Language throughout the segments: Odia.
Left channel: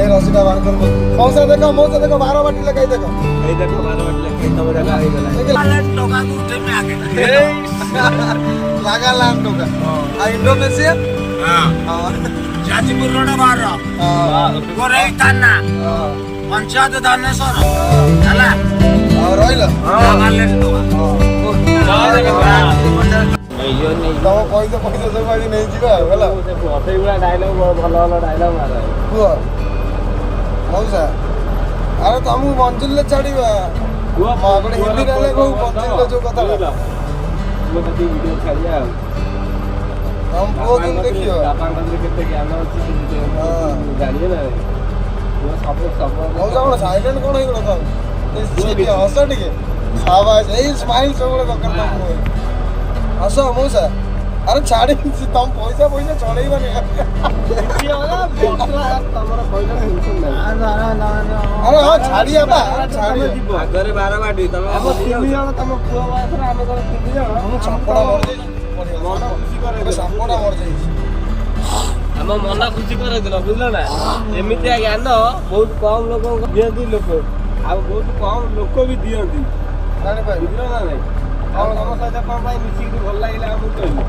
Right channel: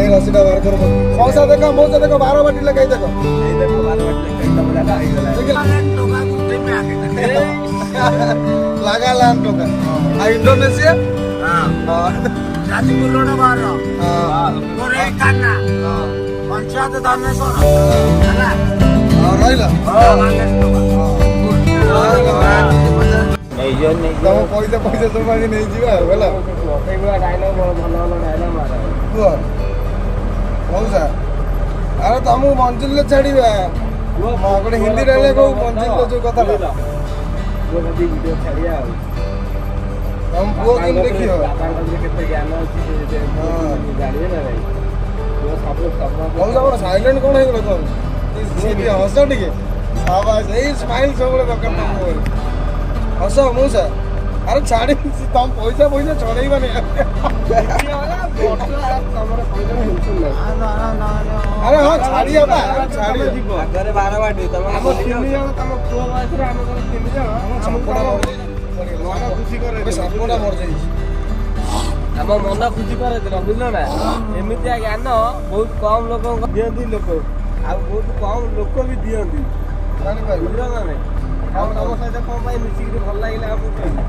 এই রসিটা বার করবো মৌসা দেখো 12 বাটি লেখাই দেখো এই দেখো 12 বাটি লেখাই তবে দাদা হয়ে গেল লাগালাম টোকা আর ইন্ডোনেশিয়া जाजपुर रोड बाहर गोरे थाना पंचायत धानेश्वर ହେଲା ରହିଲ ବାହାରିଲେ ଟୋକା ତମ ପଇସା ସବୁ ଆଜି ନେଇଯିବା ଆଉ ହେଲା ସେଇଭଳିଆ ଡାଇଲଗ ଭଲ ଭଲ ଡାଇଲଗ ମାର କୁହ ମଉସା ଆରେ ତମକୁ ମଞ୍ଜିଲରେ ଛାଡିବା ଗୋଟେ ହିନ୍ଦୀ ଡାଇଲଗ ହଉ ମଞ୍ଜିଲର ଯୋଉ କଥାଟା ପୁଅ କତି ଭିଡିଓ ଛାଡିଆ ଆଉ ତମ ପୁଅ କେମିତି ଦେଖିବ ବାପାଙ୍କର କେତେ ଜ୍ଞାନ ଅଛି ଜାଣିବେ ନା ଭାଇ ପୁଅ ସବୁ ମଉସା କଣ ସାଇଲେଣ୍ଟ କଣ ହେଇଗଲ ତମେ ହସ ଟିକେ ସାବାସ ଏଇ ସ୍ମାଇଲ ସବୁବେଳେ ଦରକାର ତମକୁ ହସ ମଉସା ଆରେ ଛାଡି ତମ ପଇସା ଛଡେଇବନି ତମର ପଇସା ଟେନସନ ନାହିଁ ଆରେ ହଁ ଛାଡିବା ବା ଛାଡିବା ଆଗରେ 12 ବାଟି ତମେ ଆମ 3 ଜଣ ତମ ପୁଅ ବୟସରେ ଆମେ କଣ 3 ଜଣ ମନ ଖୁସି କରେଇଦେଲ ସାପଟା ମରିଯାଇଛି ଆମ ମନ ଖୁସି କରେଇଦେଲ ବୁଝିଲ ନା ଏମିତିଆ ଜ୍ଞାନ ବହୁତ କମ ଲୋକଙ୍କ ଦିଅନ୍ତି ଲୋକ ଆଉ ବହୁତ କମ ଲୋକ ବି ଦିଅନ୍ତି ବୁଝିଲ ନା ଭାଇ ଆଉ ତମ ସହିତ କଣ ପାଇଁ ମିଶିକି ଭଲ ଲାଗିଲା ଆମକୁ କହିଲି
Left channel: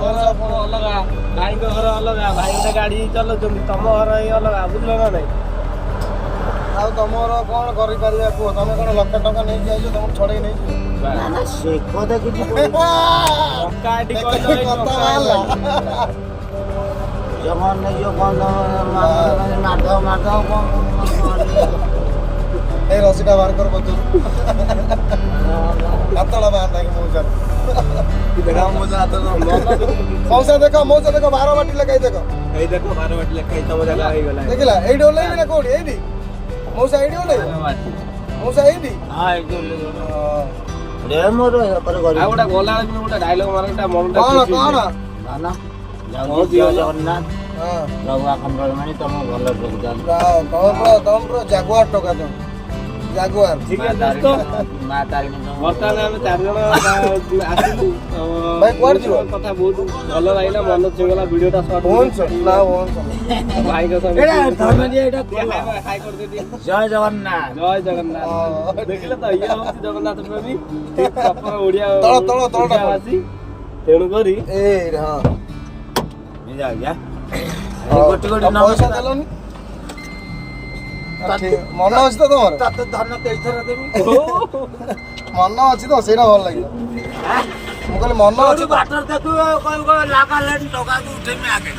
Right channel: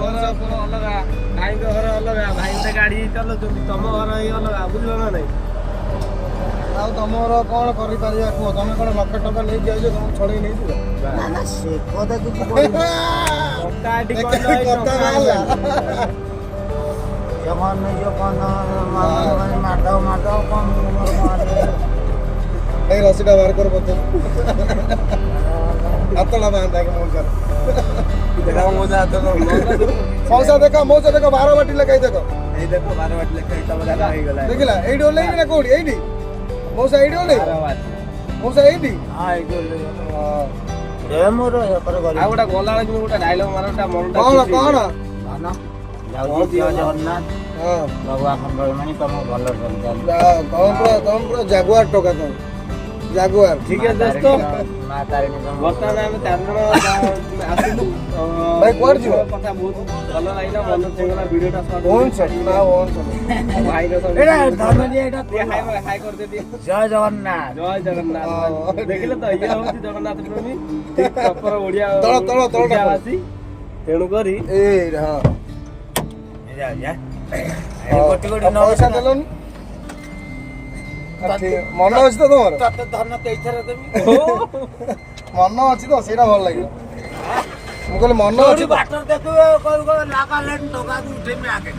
ଘର ଅଲଗା ଭାଇଙ୍କ ଘର ଅଲଗା ଭାଇ ଗୋଟେ ଗାଡି ଚଲାଉଛନ୍ତି ତମ ଘର ଏଇ ଅଲଗା ବୁଝିଲ ନା ନାଇଁ ଆଉ ତମର କଣ କରିପାରିବା କୁହ ତମେ କଣ ଲକ୍ଷ ଟଙ୍କା ନେଇକି ଆଇଛ ତମକୁ ଛଡେଇ ନେଇଯିବ ସେ କଥା କିଛି ଟଙ୍କା ଏଠି କହିଲ ଏଇ ଟଙ୍କା ବାହାରିଲା। ଜମନ ନିଜ କଣ ମାଧ କଣ ଏଇ ରସିଟା ବାହାର କର ବତ ହାତଟା ବାନ୍ଧା କି ମଉସା ମଉସା ଦେଖ 12 ବାଟି ଲେଖାଇ ଦେଖ ଏଇ ଦେଖ 12 ବାଟି ଲେଖା ତମ ଦାଦା ହେଇଗଲା ଦେଖିଲା ଏଇଠି ଓହ୍ଲେଇବି ନା କୋଉଠି ଏଇଠି ମଉସା ଏଇଠି ଓହ୍ଲେଇବି 12 ବାଟି ମଉସା ଏଇଠି ଏଇଠି ମୋର ଆଉ ଗୋଟେ ଗଲା ବେଳକୁ ଗୋଟେ ଡାଇଲଗ ମାରନ୍ତା ମନଟା କଣ କଣ ଜଗନ୍ନାଥ ବାବୁ ଆପଣଙ୍କର ମାନେ ତମ ଭଲ ତମ ଜାଗୁଆର ଟୋକା ତମ ଜାଗୁଆର ଠିକ ଅଛି ଦୋସ୍ତ ମା ତାରିଣୀ ବର୍ତ୍ତମାନ ଆମେ 4 ଜଣ ଆସିଲୁ ଭାଇ କୁଆଡେ ଯିବ କଥା ବହୁତ ଭଲ ଲାଗିଲା ମନ ଛୁଇଁଗଲା ଭିଡିଓଟା ସର୍ଟ ଭାଇଙ୍କ ସହ ହାଇ କରିଦେବି ଜୟ ଜଗନ୍ନାଥ ଜୟ ଜଗନ୍ନାଥ ଦେଖିଲେ ତ ଇଏ ହଉଛି ଜଗନ୍ନାଥ ପ୍ରେମୀ ଠିକ ପ୍ରପର ଓଡିଆ ଓଡିଆବାସୀ ତେଣୁ କରି ପଇସା ଦେଲନି ମନ ଅଛି ତ ତମର ଧନ ତେଇଥର ଦେବି ମନ ଅଛି ତ ସେଇଟା ଭଲ ଲାଗିଲା ମୁଁ କହିଲି ମନ ଅଛି ତ ବାଟର ଦେଖୁ କହିବୁ ଲାଗାଲେନି ଟଙ୍କାକୁ ଉଠେଇମି ଆଗେ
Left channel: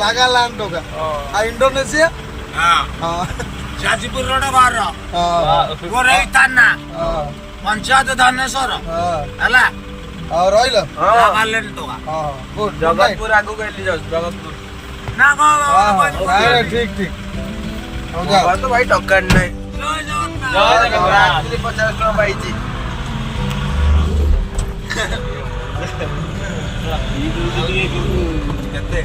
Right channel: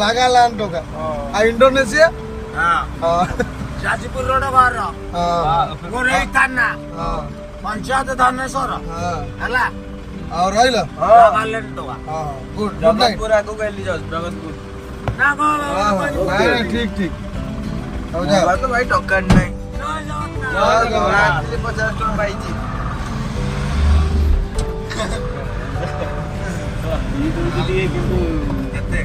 ଲାଗାଲାନ ଟୋକା ଆଉ ଇଣ୍ଡୋନେସିଆ ଯାଜପୁର ରୋଡ ବାହାର ଗୋରେ ଥାନା ପଞ୍ଚାୟତ ଧାନେଶ୍ଵର ହେଲା ଆଉ ରହିଲ ଲାଗାଲେନି ଟଙ୍କା ଗୁଡ୍ ଜଗତପୁର ଆଗକୁ କହିଲି ଜଗତପୁର ନା କଣ ଠିକ ଠିକ ହଉ ଯା ତ ଭାଇ ଟଙ୍କା ନାହିଁ ଜୟ ଜଗନ୍ନାଥ ଜୟ ଜଗନ୍ନାଥ 50 ଟଙ୍କା ପାଇଛି କେତେ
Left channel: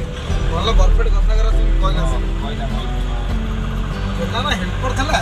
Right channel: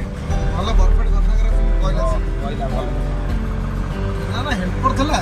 ଭଲ ପରଫେକ୍ଟ କଥା କର তুমি କହିଲା କହିଲା ଭଲ ନା ହେଲ୍ପ କରିଥିଲା